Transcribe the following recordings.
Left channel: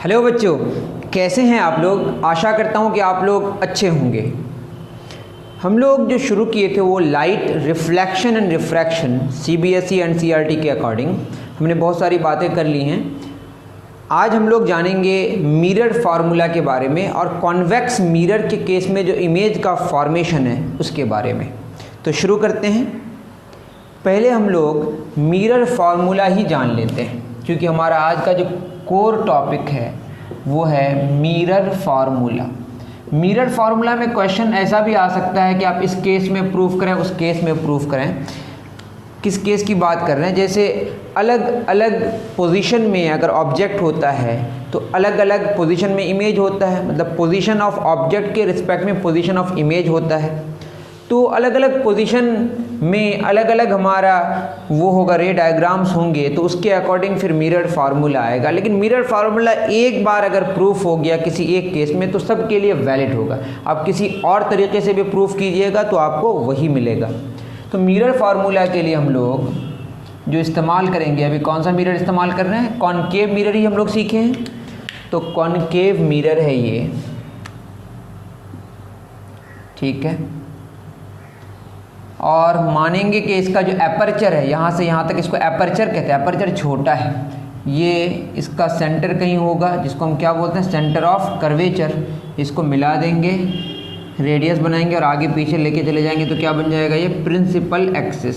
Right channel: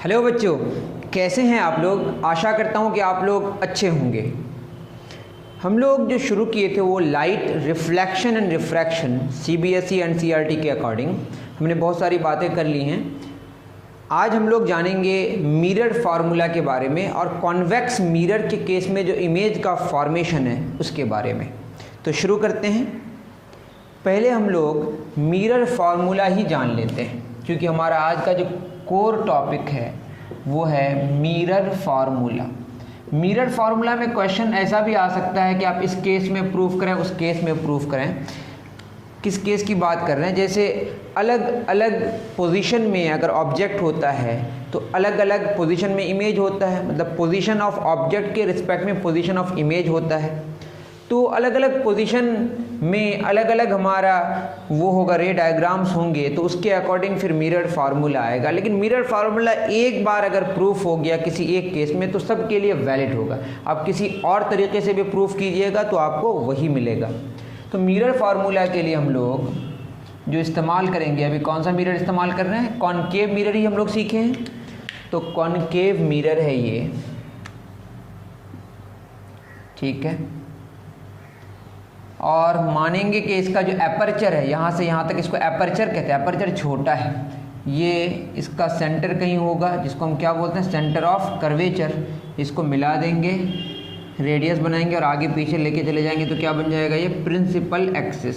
Hello बच्चों, कैसे हैं आप लोग। आशा करता हूं कि आप लोग अच्छे होंगे। हम लोग जो शुरू किए थे वो light reflection and refraction CBSE and CERT के अकॉर्डिंग हमने बहुत सारी बातें कर ली हैं। आज हम लोग जानेंगे मिरर फार्मूला के बारे में और कॉन्वेक्स मिरर के केस में जो इमेज का फॉर्मेशन है उसके बारे में। तो शुरू करते हैं। पहले हम लोग मिरर फार्मूला ही जान लेते हैं, क्योंकि हमारा आज का जो कोर टॉपिक है वो है मिरर फार्मूला। मिरर फार्मूला में क्वेश्चन ऐसा भी आ सकता है कि आप इस केस में प्रूफ करें, उस केस में प्रूफ करें। किस केस की बात कर रहे हैं, जैसे अलग अलग पोजीशन में अगर ऑब्जेक्ट होता है तो अलग अलग पोजीशन में इमेज होता है, मतलब पोजीशन ऑफ ऑब्जेक्ट के रिस्पेक्ट में पोजीशन ऑफ इमेज होता है। तो अलग अलग पोजीशन में अलग अलग हमारा वो होगा, रे डायग्राम्स होंगे, तो उसके अकॉर्डिंग फिर मिरर फार्मूला आएगा। लेकिन मिरर फार्मूला एक बार अगर प्रूफ हो गया किसी एक केस में तो सबके लिए वैलिड होगा। आप किसी और तरीके से भी प्रूफ कीजिएगा तो आपको वही मिलेगा। तो मिरर फार्मूला के लिए हम लोग जो इस्तेमाल करेंगे, अभी कौन सा मिरर इस्तेमाल कर रहे हैं, कॉनकेव मिरर ही हम लोग सीखे हैं। तो कॉनकेव मिरर है ये, ठीक है। और मानेंगे कि इसका जो एपर्चर है, यहाँ से यहाँ तक इसको एपर्चर कहते हैं। एपर्चर छोटा है, ये इसका सेंटर कहीं होगा जिसको हम क्या बोलते हैं, सेंटर ऑफ कर्वेचर। इसको मिला देंगे, रेडियस बनाएंगे और आगे पीछे लेके चले जाएंगे तो क्या बन जाएगा, ये प्रिंसिपल एक्सिस।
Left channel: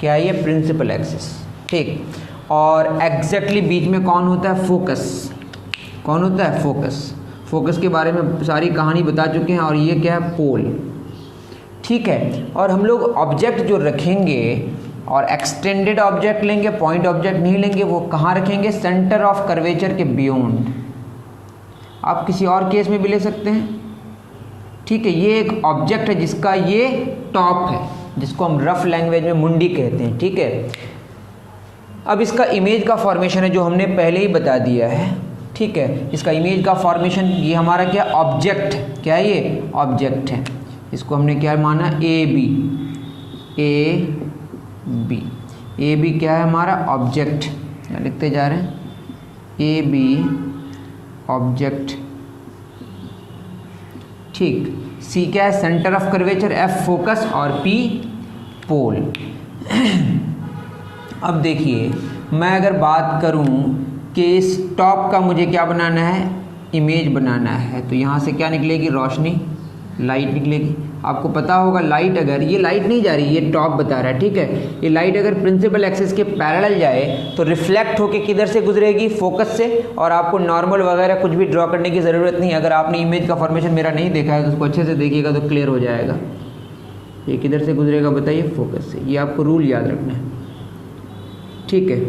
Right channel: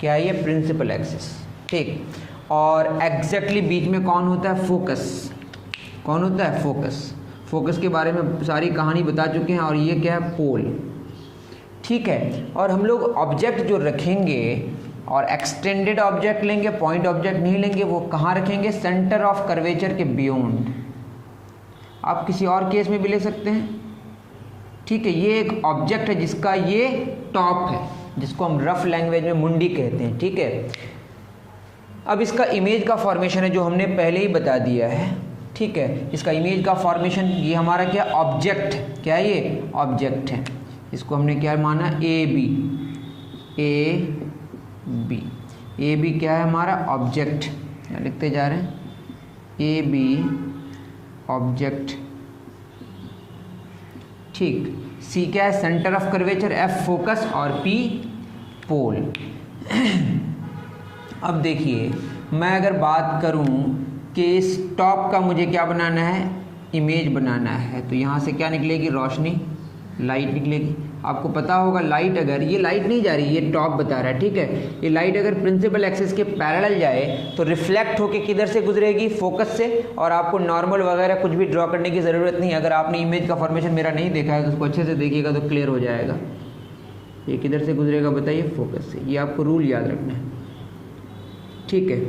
क्या है ये, प्रिंसिपल एक्सिस, ठीक। और एग्जैक्टली बीच में कौन होता है, फोकस। कौन होता है, फोकस। फोकस के बारे में सारी कहानी बता चुके हैं। और ये क्या है, पोल, ठीक है। और हम लोग ऑब्जेक्ट जो रखेंगे और एक्सटेंडेड ऑब्जेक्ट लेंगे, पॉइंट ऑब्जेक्ट नहीं लेंगे। वो कहाँ रखेंगे, सेंटर ऑफ कर्वेचर के बियॉन्ड। आप किसी और केस में भी ले सकते हैं, ठीक है। ये एक ऑब्जेक्ट है जिसका ये टॉप है, जिसको हम रफ लैंग्वेज में मुंडी कहते हैं, ठीक है। अब इसका इमेज का फॉर्मेशन है जो हमने पहले ही बता दिया है, ठीक है। इसका इमेज का फॉर्मेशन, ये हमारा क्या, ऑब्जेक्ट। क्या है ये, ऑब्जेक्ट है। इसको हमने क्या माना, ए बी। ए बी क्या है हमारा, ऑब्जेक्ट। लिखते जा रहे हैं, ए बी ऑब्जेक्ट, ठीक। सी क्या है, centre of curvature, F focus और पी पोल। अब देखिए, मैं अगर बात करूं कि इस टॉप का मुझे क्या बनाना है, इमेज बनाना है, तो यहाँ से क्या निकलेगी, रोशनी, लाइट निकलेगी। आपको पता होगा लाइट, अगर ये लाइट नहीं जा रही, ये टॉप बता रहा है, ठीक है। ये लाइट अगर प्रिंसिपल एक्सिस के पैरेलल जाए तो रिफ्लेक्ट होके किधर से गुजरेगी, फोकस से। और आपको नॉर्मल वगैरह कुछ भी ड्रॉ करने की ज़रूरत नहीं। अगर आपने इमेज का फॉर्मेशन मेरा नहीं देखा है तो उसको अच्छे से देखिएगा तो क्लियर हो जाएगा। ये किधर से गुजरेगा बताइए, फोकस से। ये आपको रूल याद रखना है, ठीक है।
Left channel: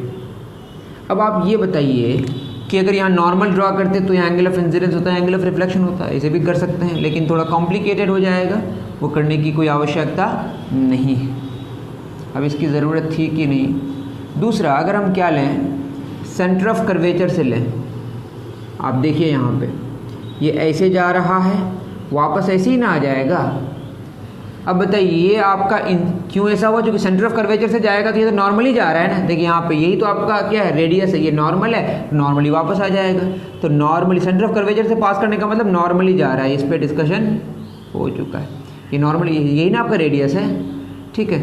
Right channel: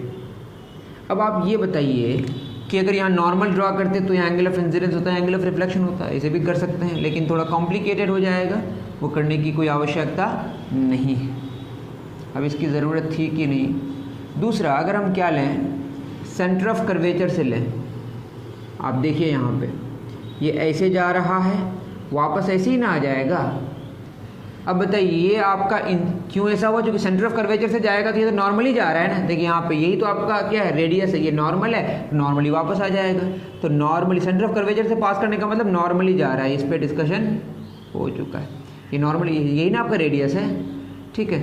अब आप ये बताइए कि अगर यहाँ नॉर्मल ड्रॉ करते तो यहाँ एंगल ऑफ इंसिडेंस होता है, एंगल ऑफ रिफ्लेक्शन होता है। इसे भी कर सकते हैं, लेकिन थोड़ा कॉम्प्लिकेटेड हो जाएगा, वो करने की कोई आवश्यकता नहीं है। अब इसकी ज़रूरत थी कि नहीं। दूसरा, अगर हम क्या लें, सेंटर ऑफ कर्वेचर से लें। आप देखिए यहाँ पे ये ऐसे जा रहा है, वापस ऐसे ही ना आ जाएगा। अब बताइए ये आपका क्यों ऐसा हुआ, क्योंकि सेंटर ऑफ कर्वेचर से जाएगा तो ये तो नॉर्मली जा रहा है ना। देखिए यहाँ पे यही तो आपका क्या है, रेडियस है, ये नॉर्मल है, नॉर्मली वापस आ जाएगा। तो नॉर्मली सेंटर ऑफ कर्वेचर से पास करने का मतलब नॉर्मली जा रहा है। इस पर डिस्कशन हो चुका है। ये नॉर्मली यही ना आपका रेडियस है, ठीक है।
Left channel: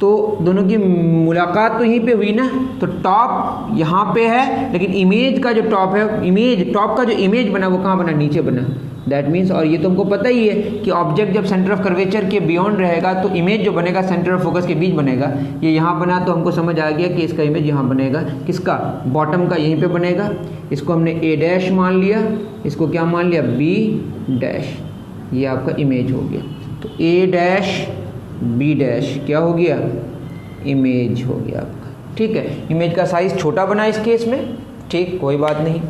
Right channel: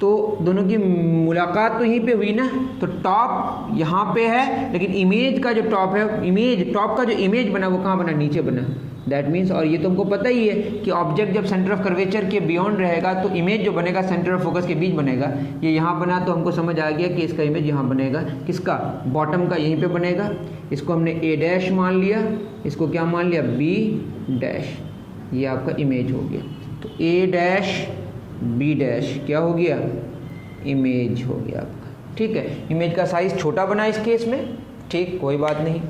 तो दोनों की मुलाकात तो यहीं पे हुई ना। तो टॉप यहाँ पे है, लेकिन इमेज का जो टॉप है, इमेज टॉप का जो इमेज बना वो कहाँ बना, नीचे बना। दैट मीन्स, और ये तुमको पता ही है कि ऑब्जेक्ट जब सेंटर ऑफ कर्वेचर के बियॉन्ड रहेगा तो इमेज जो बनेगा सेंटर ऑफ फोकस के बीच बनेगा। ये यहाँ बना तो हमको समझ आ गया कि इसका इमेज यहाँ बनेगा। किसका, बॉटम का, यहीं पे बनेगा। इसको हमने ए डैश मान लिया, इसको क्या मान लिया, बी डैश। ये आपका इमेज हो गया। तो ए डैश बी डैश क्या हो गया, इमेज हो गया आपका, ठीक है। इमेज का साइज छोटा बना इस केस में, ठीक, कोई बात नहीं।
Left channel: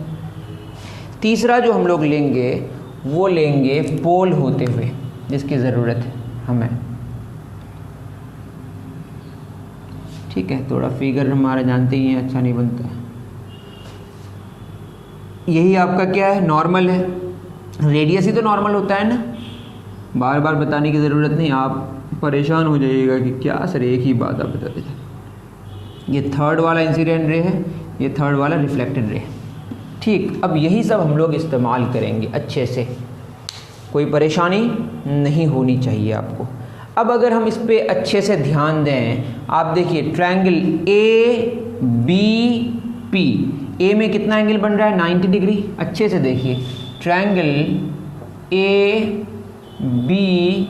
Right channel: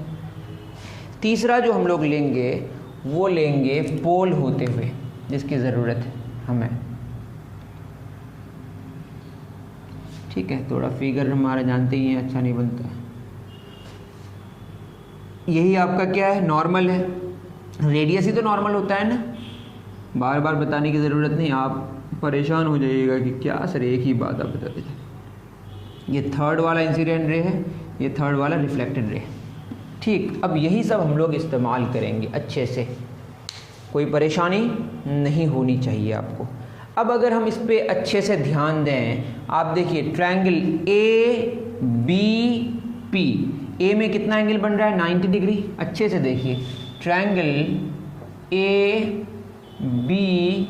तीसरा जो हम लोग लेंगे वो लेंगे पोल होते हुए, जिसकी ज़रूरत है हमें, ठीक है। थोड़ा फिगर हमारा जानते ही हैं, अच्छा नहीं बनता है। यही आपका क्या है, नॉर्मल है। रेडियस ही तो नॉर्मल होता है ना, बार बार बताने की ज़रूरत नहीं। आप परेशान हो जाइएगा कि क्या सर एक ही बात आप बता देते। ये थर्ड वाला इंसिडेंट रे है, ये थर्ड वाला रिफ्लेक्टेड रे है, ठीक, अब यही सब हम लोग इस्तेमाल करेंगे अच्छे से, कोई परेशानी नहीं होनी चाहिए आपको। अब अगर हम इस पे अच्छे से ध्यान दें, आप देखिए ट्रायंगल ए बी पी, ए में कितना एंगल बन रहा है 90 डिग्री, अच्छे से देखिए ट्रायंगल ए बी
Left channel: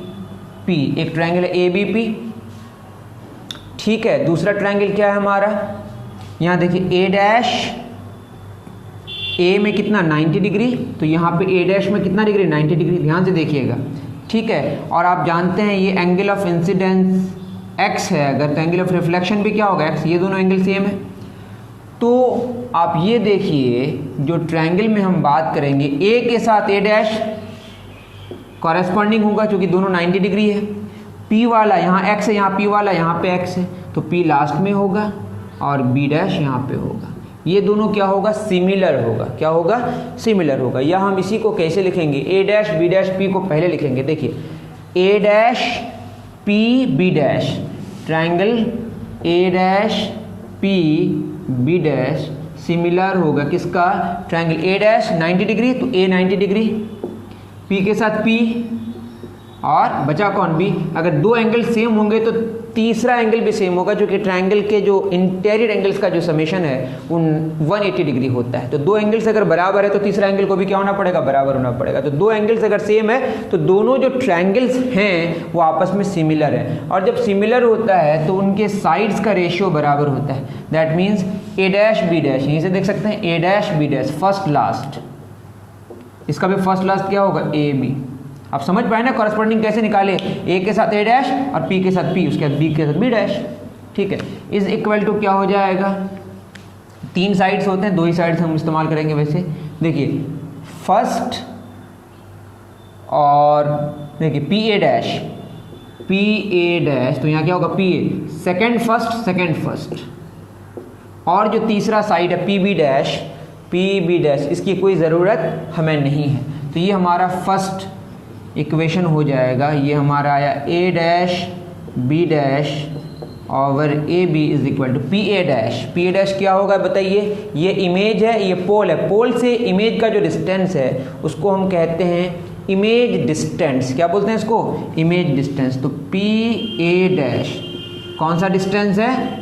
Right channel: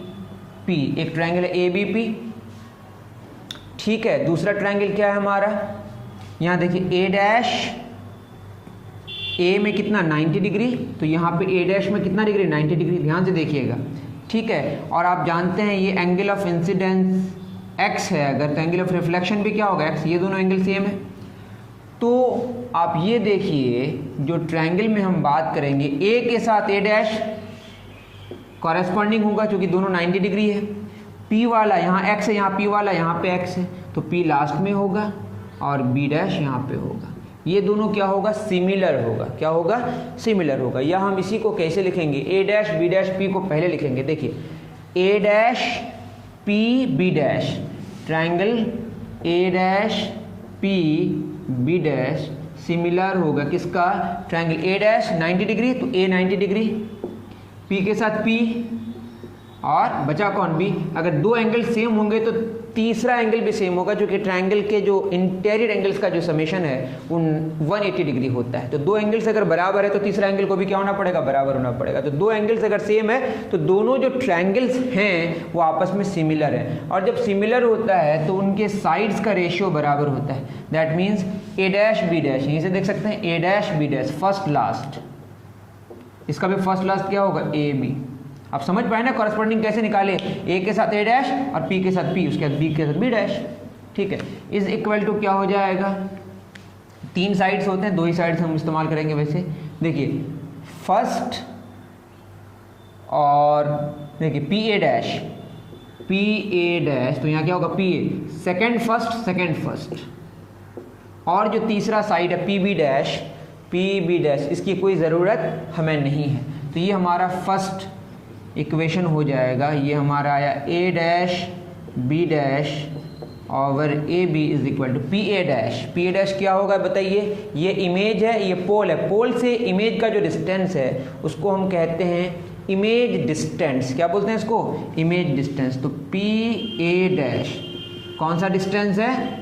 पी, एक ट्रायंगल ए बी पी, ठीक है। दूसरा ट्रायंगल क्या है हमारा, यहाँ देखिए ए डैश, ए में कितना 90 डिग्री, तो यहाँ पे ए डैश में कितना डिग्री 90 डिग्री, ध्यान से देखिएगा, ठीक है। और आप जानते हैं ये एंगल ऑफ इंसिडेंस x है अगर, तो एंगल ऑफ रिफ्लेक्शन भी क्या होगा x, ये दोनों एंगल सेम है। तो आप ये देखिए जो ट्रायंगल में हम बात करेंगे, ए के साथ ए डैश कॉरेस्पॉन्डिंग होगा क्योंकि दोनों 90 डिग्री है, p वाला यहाँ x है, यहाँ p वाला यहाँ पे x है, तो p लास्ट में होगा और b डैश यहाँ पे होगा। ये दोनों क्या होगा, सिमिलर होगा, क्या होगा, सिमिलर होगा। या हम इसी को कैसे लिखेंगे, A dash B dash P को पहले लिखेंगे, देखिए A dash P B dash, triangle A dash P B dash similar होगा किसका, ट्रायंगल ए डैश 90 डिग्री, तो ए 90 डिग्री, पी के साथ पी और बचा कौन बी। अगर दो एंगल सेम होंगे तो तीसरा एंगल भी सेम होगा, जो कि ट्रायंगल के जो इंटीरियर एंगल्स का जो समेशन है वो 180 डिग्री होता है। तो दो एंगल्स अगर बराबर है तो तीसरा एंगल को भी क्या होना पड़ेगा, बराबर होना पड़ेगा। तो दो एंगल्स अगर सेम है तो दोनों जो ट्रायंगल्स हैं वो आपस में सिमिलर है, और जब सिमिलर होता है तो उनके साइड्स का रेशियो बराबर होता है। That means A dash B dash, यहीं से देख सकते हैं A dash B dash, first last, इसका भी फर्स्ट लास्ट क्या होगा, ए बी। आप समझ पाए ना कॉरेस्पॉन्डिंग कैसे निकाले, ए के साथ ए डैश और पी के साथ पी, उसके बाद बी के साथ बी डैश, ठीक है। इज इक्वल टू क्या हो जाएगा, तीन साइड्स होते हैं, दो ही साइड्स हम इस्तेमाल करेंगे वैसे। देखिए फर्स्ट और देखिए P A dash, P A dash, तो यहाँ क्या होगा P A, second first second first, और जो तीसरा साइड है P B dash, P B dash, इसकी कोई ज़रूरत हमें नहीं है। तो ये हमारा फर्स्ट इक्वेशन हो जाएगा, ये हमारा आया A dash B dash over A B is equal to P A dash. P A dash क्या होगा बताइए, ये इमेज है, ये पोल है, पोल से इमेज का जो डिस्टेंस है उसको हम कहते हैं इमेज डिस्टेंस। क्या बोलते हैं इसको, इमेज डिस्टेंस। तो पी ए डैश कौन सा डिस्टेंस है,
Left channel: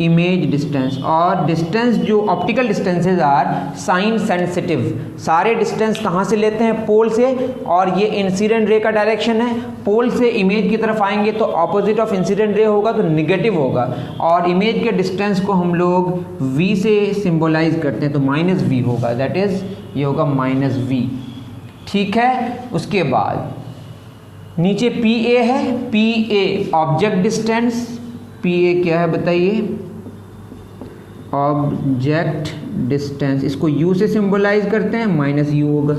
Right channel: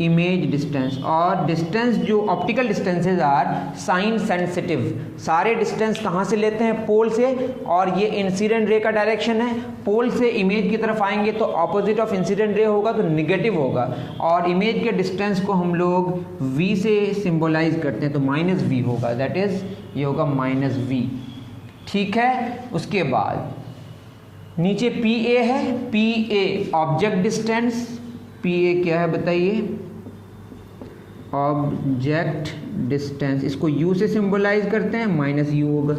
इमेज डिस्टेंस। और डिस्टेंस जो optical distances are sign sensitive, सारे डिस्टेंस कहाँ से लेते हैं, पोल से, और ये इंसिडेंट रे का डायरेक्शन है, पोल से इमेज की तरफ आएंगे तो ऑपोजिट ऑफ इंसिडेंट रे होगा तो निगेटिव होगा, और इमेज के डिस्टेंस को हम लोग v से सिंबलाइज करते हैं तो माइनस v होगा, दैट इज ये होगा माइनस v, ठीक है। उसके बाद नीचे पी ए है, P A object distance, P A क्या है बताइए, ऑब्जेक्ट डिस्टेंस, इसको u से सिंबलाइज करते हैं, माइनस u होगा,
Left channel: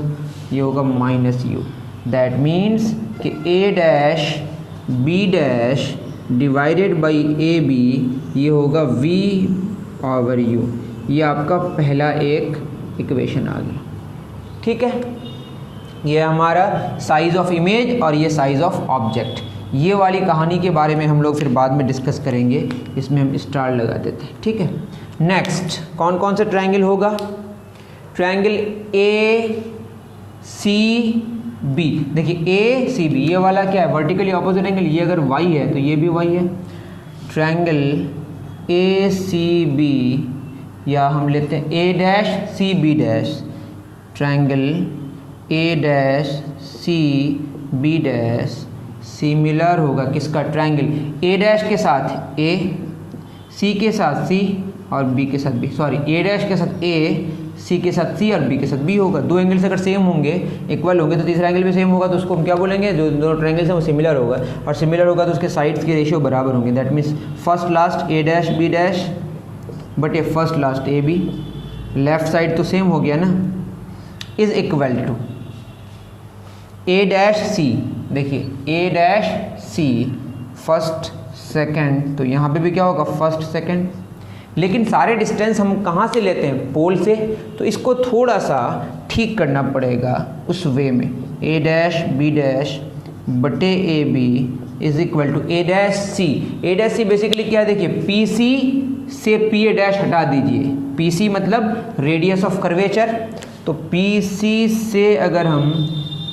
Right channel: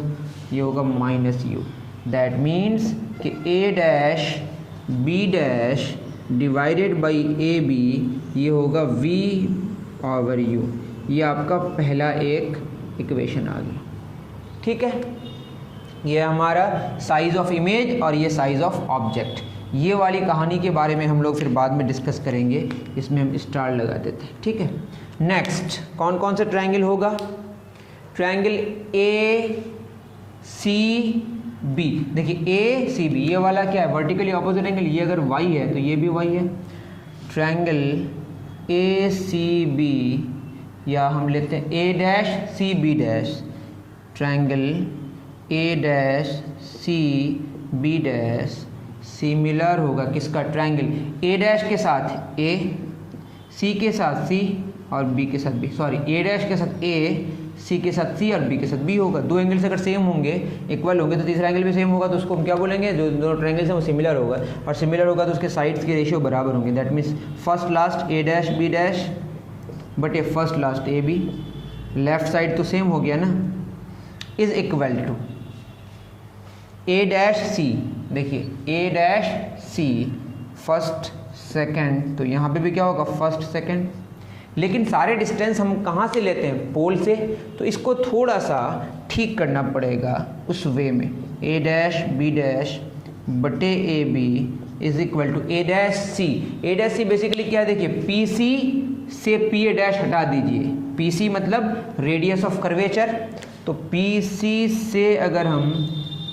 ये होगा माइनस u। दैट मीन्स कि a dash b dash divided by A B, ये होगा v ओवर u। ये आपका पहला एक इक्वेशन आ गया, ठीक है। ये हमारा साइज ऑफ इमेज और ये साइज ऑफ ऑब्जेक्ट। ये वाली कहानी के बारे में हम लोग फिर बाद में डिस्कस करेंगे, इसमें हम स्टार लगा देते हैं, ठीक है। नेक्स्ट कौन कौन सा ट्रायंगल होगा, ट्रायंगल ए सी बी। देखिए ए सी बी, ये वाला क्या है, वर्टिकली ऑपोजिट एंगल, ये अगर y है तो ये भी y है। ट्रायंगल ए सी बी, या हम लेते हैं A dash C B dash, triangle A dash C B dash similar होगा किसका, ट्रायंगल ए डैश के साथ ए, सी के साथ सी और बी के साथ बी, सॉरी ए डैश के साथ ए, सी के साथ सी और बी के साथ बी होगा। दो एंगल्स अगर सेम होंगे, इक्वल होंगे, तो तीसरा एंगल भी सेम होगा, तो उसको हम क्या बोलेंगे, जो दोनों ट्रायंगल्स हैं वो सिमिलर होगा, और सिमिलर होगा तो उसके साइड्स के रेशियो बराबर होंगे। That means first last A dash B dash but ये first last A B, left side तो सेम हो गया ना, is equal to A dash C. देखिए A dash C first second, तो यहाँ पे भी क्या होगा फर्स्ट सेकंड, लेकिन सारे डिस्टेंस हम कहाँ से लेते हैं, पोल से, तो इसको थोड़ा सा ठीक करना पड़ेगा उस वे में। ए डैश बी डैश बटे A B is equal to A dash C. A dash C basically क्या है, देखिए पी सी से पी ए डैश हटा दीजिए, PC मतलब रेडियस ऑफ कर्वेचर, तो PC से अगर हम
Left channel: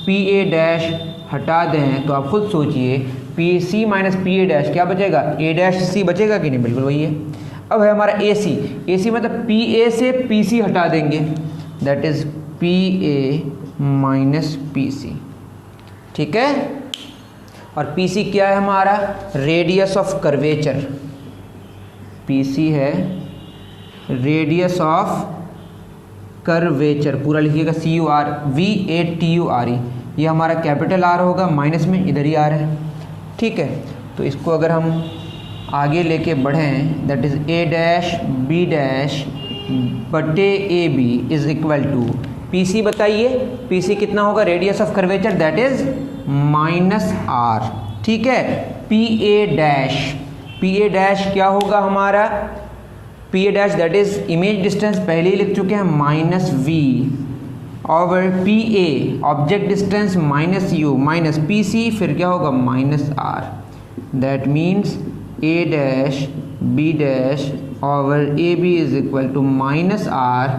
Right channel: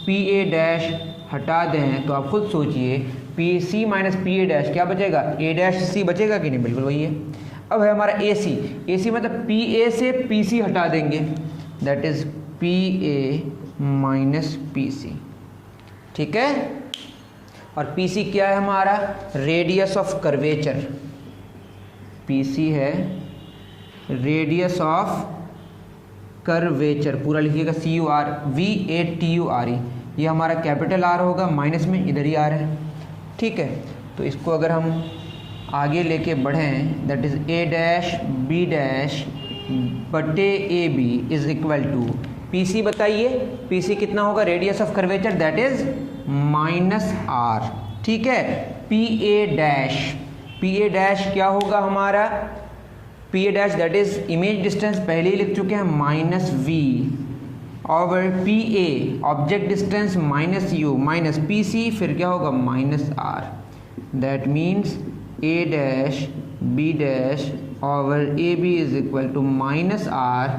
PA डैश हटा दें तो आप खुद सोचिए PC माइनस PA डैश क्या बचेगा, A डैश C बचेगा कि नहीं, बिल्कुल वही है। अब है हमारा AC मतलब PA से PC हटा देंगे, that is PA minus PC, ठीक है। और PC क्या है हमारा, रेडियस ऑफ कर्वेचर, PC है रेडियस ऑफ कर्वेचर, पूरा लिखिएगा CURVATURE, ये हमारा कैपिटल R होगा, माइनस में इधर ही R है, ठीक है। तो इसको अगर हम आगे लेके बढ़ें, that is A dash B dash बटे AB is equal to PC, बताइए PC कितना होगा, radius of curvature that is minus R, ठीक है। PA डैश क्या होगा हमारा, PA dash that is image distance, पहले ही लिख चुके हैं, minus V over PA object distance minus U minus PC, फिर क्या होगा minus R, that means A dash B dash over AB is equal to minus R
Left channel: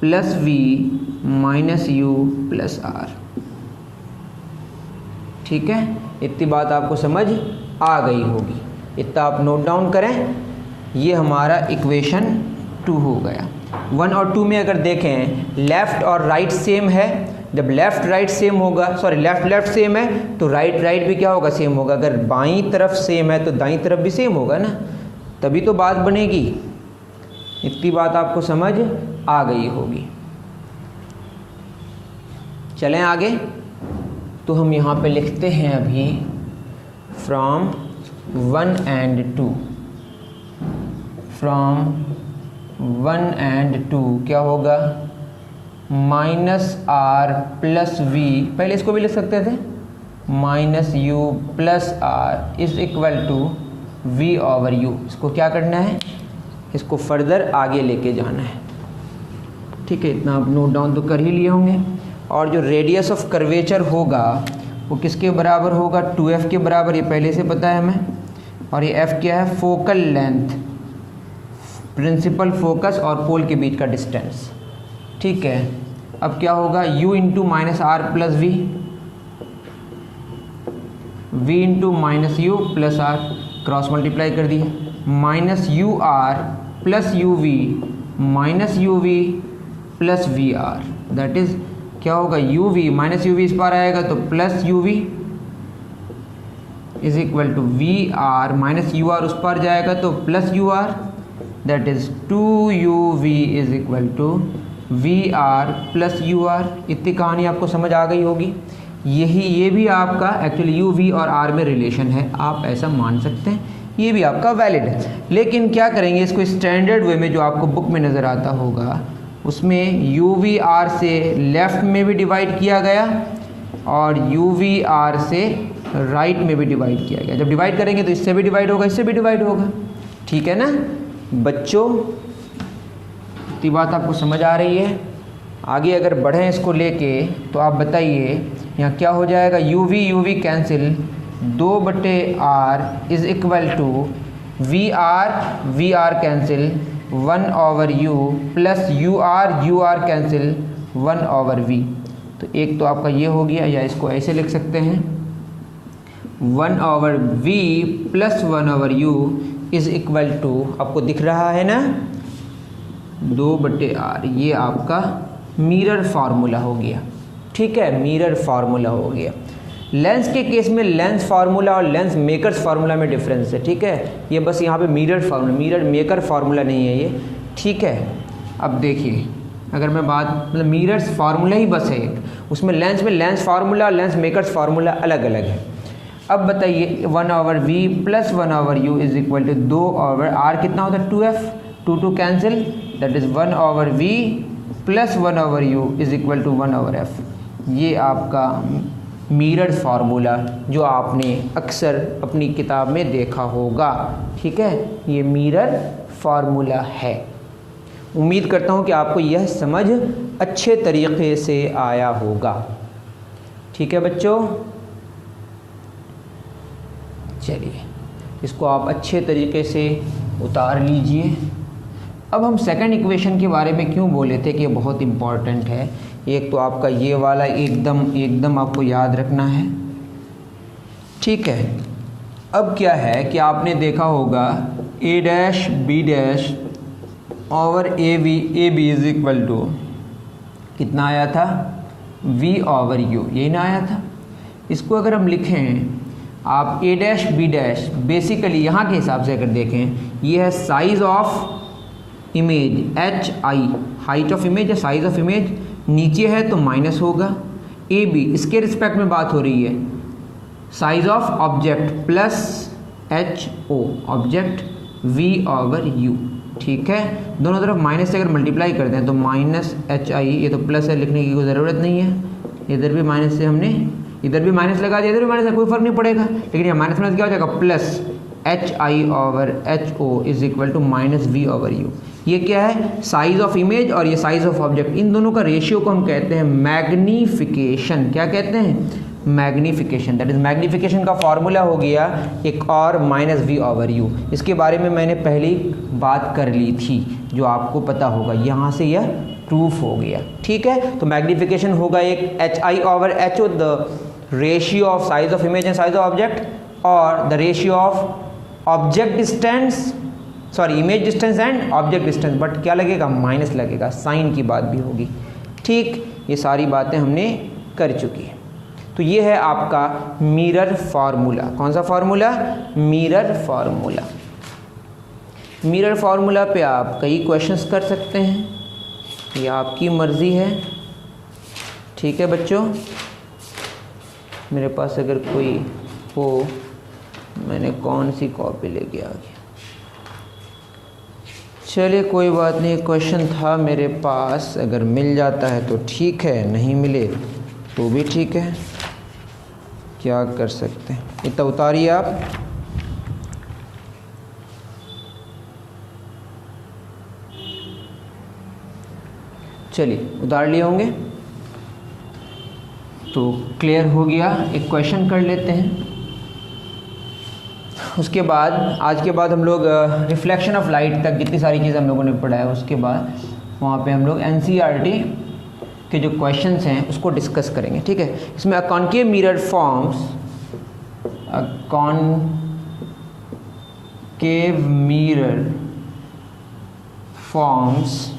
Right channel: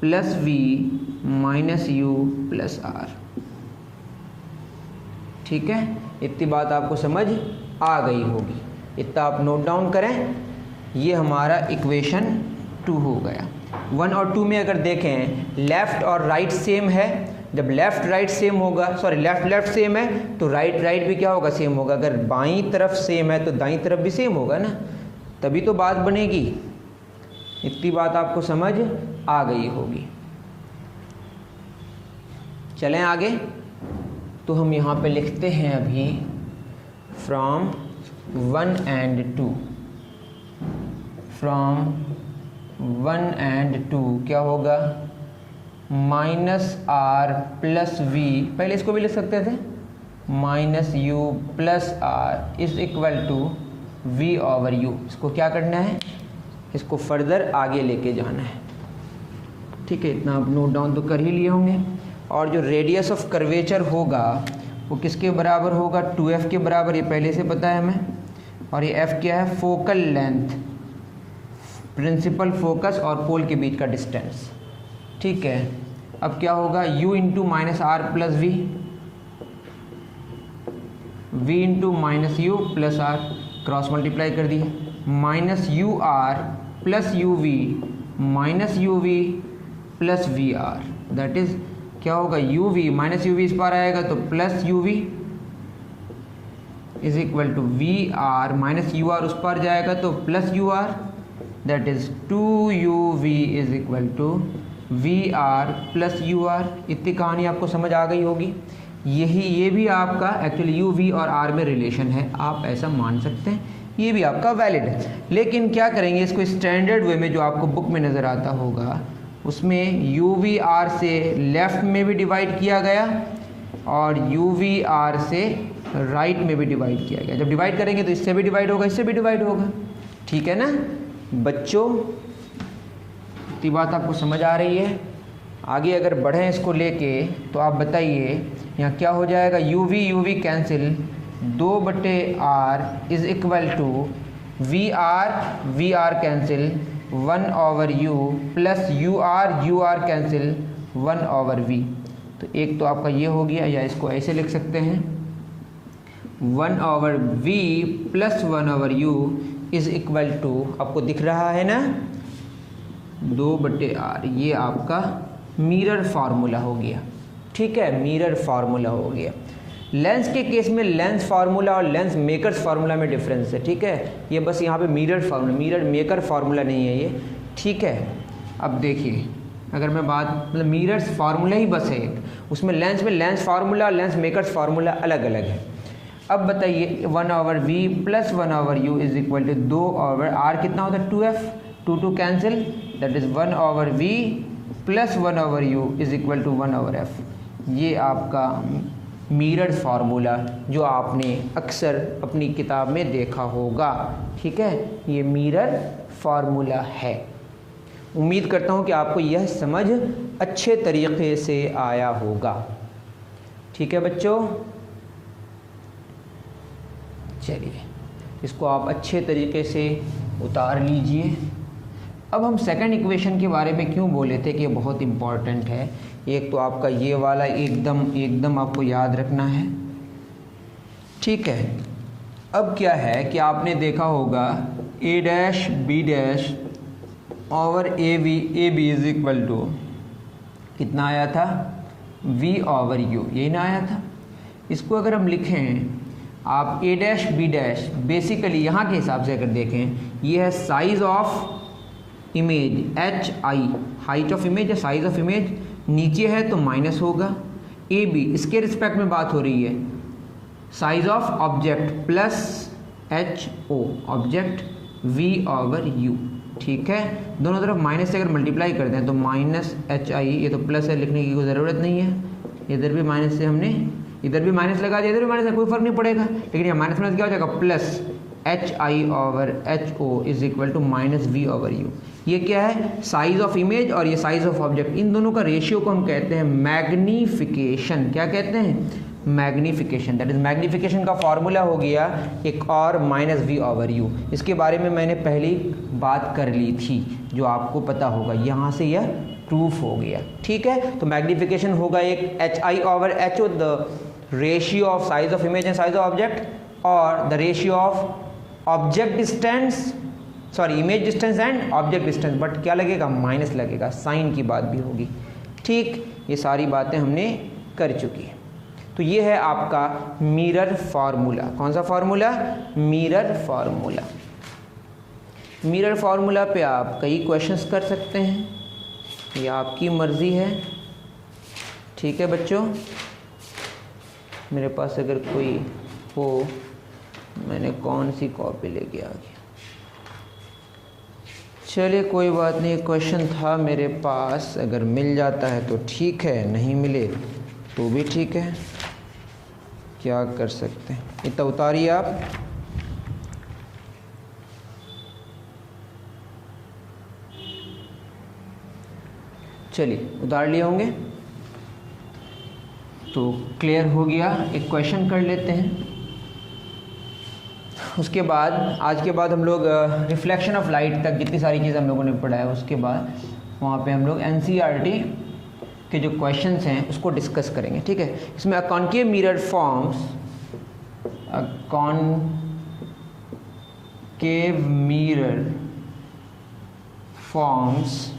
plus V minus U plus R, ठीक है। इतनी बात आपको समझ आ गई होगी, इतना आप नोट डाउन करें। ये हमारा इक्वेशन 2 हो गया। 1 और 2 में अगर देखें लेफ़्ट और राइट सेम है, जब लेफ़्ट राइट सेम होगा, सॉरी लेफ़्ट सेम है तो राइट भी क्या होगा, सेम होगा। अगर बाईं तरफ सेम है तो दाईं तरफ भी सेम होगा ना, तभी तो बात बनेगी। इतनी बात आपको समझ आ गई होगी। चलें आगे, तो हम यहाँ पे लिखते हैं अभी फ्रॉम 1 and 2, फ्रॉम 1 and 2 क्या होगा, माइनस R प्लस V, पहले इसको भी लिख सकते थे, minus U plus R is equal to V over U। इसको क्या करना है, इसको फर्दर आगे लेके जाना है, ठीक है। इतना आप नोट डाउन तो कर ही लिए होंगे। और जो रेडियस ऑफ कर्वेचर होगा वो किसके बराबर होगा, 2F के बराबर, ये पहले से पता है हमें। और ये F क्या है, फोकल लेंथ, प्रिंसिपल फोकस और पोल के बीच का डिस्टेंस, ठीक है। अब क्या होगा, U into minus R plus V into minus U plus R, cross multiply कर दिए, minus UR plus UV minus UV plus VR, that is क्या होगा, UV माइनस UV इस पार आएगा तो plus UV is equal to VR minus UR उस पार जाएगा तो plus UR, that is 2UV is equal to VR plus UR। इतनी कहानी आपको समझ आ गई होगी। ये भी आपका एक्चुअली UV और R में रिलेशन है, आप ऐसा मान सकते हैं, ये भी आपका वैलिड है। लेकिन क्या करेंगे, इसको स्टैंडर्ड वे में जो आपको बुक में नज़र आता होगा उसमें UVR से लेफ़्ट में भी डिवाइड किया गया और UVR से राइट में भी डिवाइड किया गया। जब डिवाइड करेंगे तो इससे भी डिवाइड होगा, इससे भी डिवाइड होगा, ठीक है ना बच्चों। इतनी बात आपको समझ आ रही है। आगे अगर बढ़ें इसको लेके तो आप बताइए यहाँ क्या हो जाएगा, UV cancel, 2/R is equal to VR cancel 1 over U plus UR cancel 1 over V। तो एक तो आपका ये हो गया, या इसको ऐसे लिख सकते हैं 1 over V plus 1 over U is equal to, आपको दिख रहा है ना, 2/R। ये आपका मिरर फार्मूला हो गया, ठीक है, मिरर फार्मूला हो गया। लेंस के केस में लेंस फार्मूला और लेंस मेकर्स फार्मूला में डिफरेंस है, ठीक है। ये बस यहाँ पे mirror formula, mirror maker formula नहीं है ये, ठीक है। अब देखिए अगर मैं बात, मतलब मिरर्स फार्मूला ही बस है एक, उसमें लेंस फार्मूला और लेंस मेकर्स फार्मूला अलग अलग है। अब बताइए 1 over V plus 1 over U is equal to 2 over R, कितना होता है 2F, 2 cancel, that is 1 over V plus 1 over U is equal to 1 over F। ये आपका मिरर फार्मूला जो आपने अक्सर अपनी किताब में देखा होगा, ठीक है, ये मिरर फार्मूला है। उम्मीद करता हूँ कि आपको यह समझ अच्छे तरीके से आया होगा, ठीक है बच्चों। चलिए इसको आप अच्छे तरीके से उतार लीजिए, अब हम सेकंड इक्वेशन के बारे में क्यों बोले थे कि ये बहुत इम्पॉर्टेंट है। एक तो आपका ये वाला एकदम आपको याद रखना है, ठीक है। अब क्या है कि आपने देखा होगा a dash b dash over A B is equal to कितना आया था, v ओवर u, यही ना आया था। इसको अगर हम लिखें आप a dash b dash, basically यहाँ के हिसाब से अगर देखें ये है size of image h i, height of image है, साइज ऑफ इमेज, नीचे है तो माइनस होगा। ए बी इसके रिस्पेक्ट में बात हो रही है, size of object plus H O object v over u, ठीक है। दोनों तरफ माइनस से अगर मल्टीप्लाई करते हैं तो माइनस एच आई, ये तो प्लस है, लिखने की कोई ज़रूरत नहीं है। इधर भी माइनस से हमने इधर भी माइनस लगा दिया, इधर भी माइनस है, कोई फर्क नहीं पड़ेगा। लेकिन ये माइनस माइनस क्या हो जाएगा, plus H I over H O is equal to minus V over U. ये क्या है, साइज ऑफ इमेज और ये साइज ऑफ ऑब्जेक्ट, इन दोनों का रेशियो को हम कहते हैं मैग्नीफिकेशन। क्या कहते हैं, मैग्नीफिकेशन। दैट इज मैग्नीफिकेशन का फॉर्मूला हो गया एक और माइनस वी ओवर यू। इसके बारे में मैंने पहले ही बात कर ली थी, जो आपको पता होगा, यहाँ से यह प्रूफ हो गया, ठीक है। तो मैग्नीफिकेशन होगा एक H I over H O, the ratio of size of image and size of object, और the ratio of object distance, sorry image distance and object distance, but क्या लगेगा, माइनस लगेगा, साइन की बात भी होगी, ठीक। ये सारी बातें हमने कर चुकी है। तो ये है आपका मिरर फार्मूला। कौन सा formula, mirror formula. Mirror formula पे आप कई क्वेश्चंस कर सकते हैं, ये आपकी मर्ज़ी है, ठीक है बच्चों। मेरे पास अगर कोई हो, मैंने कौन सी कॉपी लेके आ गया, चलिए कोई बात नहीं, क्वेश्चन था मेरे पास, अगर मिल जाता है तो ठीक है, नहीं मिले तो भी ठीक है, क्या कर सकते हैं। इतना उतारिए आप, चलिए उतार लिए होंगे तो क्लियर हो गया। एक क्वेश्चन कर लेते हैं, उसके बाद आज के बाद हम लोग रिफ्लेक्शन ऑफ लाइट तक जितनी सारी चीज़ें हम लोगों ने पढ़ा है, उसके बाद वहाँ पे हम लोग एनसीईआरटी के जो क्वेश्चंस हैं उसको डिस्कस करेंगे, ठीक है। इसमें a concave mirror forms, a concave mirror forms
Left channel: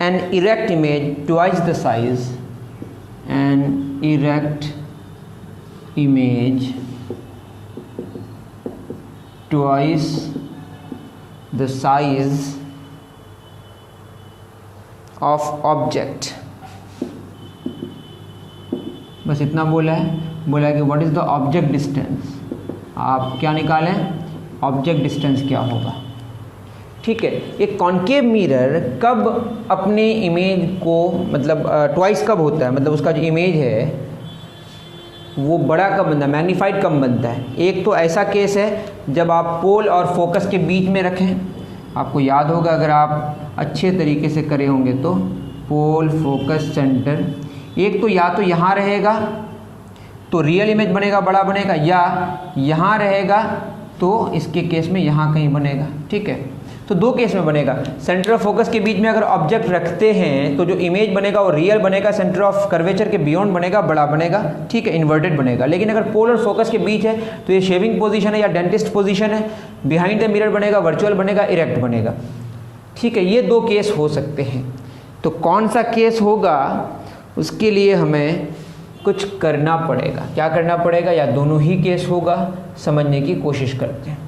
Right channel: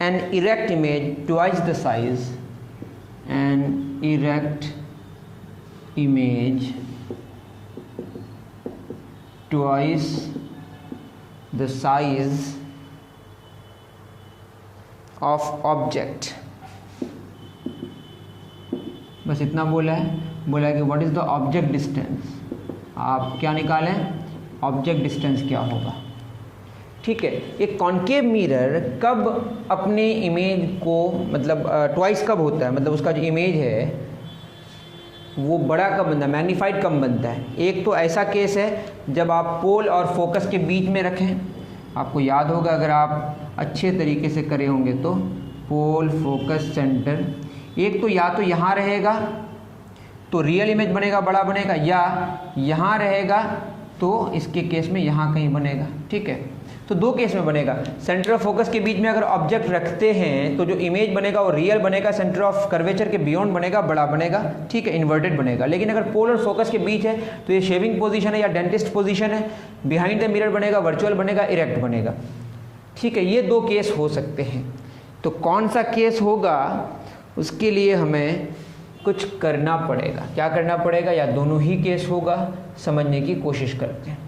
an erect image twice the size, an erect image twice the size of object। बस इतना बोला है, बोला है कि what is the object distance, आप क्या निकालें, ऑब्जेक्ट डिस्टेंस क्या होगा, ठीक है। एक कॉन्केव मिरर कब अपने इमेज को, मतलब ट्वाइस कब होता है, मतलब उसका जो इमेज है वो बड़ा कब बनता है, मैग्नीफाइड कब बनता है। एक तो ऐसा केस है जब आप पोल और फोकस के बीच में रखें, आपको याद होगा अगर आप अच्छे तरीके से करे होंगे तो, पोल फोकस सेंटर, एक तो या तो यहाँ रहेगा तो रियल इमेज बनेगा, बड़ा बनेगा, या यहाँ रहेगा तो इसके केस में यहाँ कहीं बनेगा, ठीक है। तो दो केस में बनेगा। सेंटर ऑफ फोकस के बीच में अगर ऑब्जेक्ट रखते हैं तो जो इमेज बनेगा वो रियल बनेगा, सेंटर ऑफ कर्वेचर के बियॉन्ड बनेगा, बड़ा बनेगा, ठीक है, इन्वर्टेड बनेगा। लेकिन अगर पोल और फोकस के बीच है तो ये शेविंग पोजीशन है या डेंटिस्ट पोजीशन है, बिहाइंड द मिरर बनेगा, वर्चुअल बनेगा, इरेक्ट बनेगा, ठीक है। ये दो केस हो सकते हैं। तो कौन सा केस होगा उसके लिए हमें कुछ करना पड़ेगा। क्या करना पड़ेगा, या दोनों ही केस होगा, समझने की कोशिश करते हैं।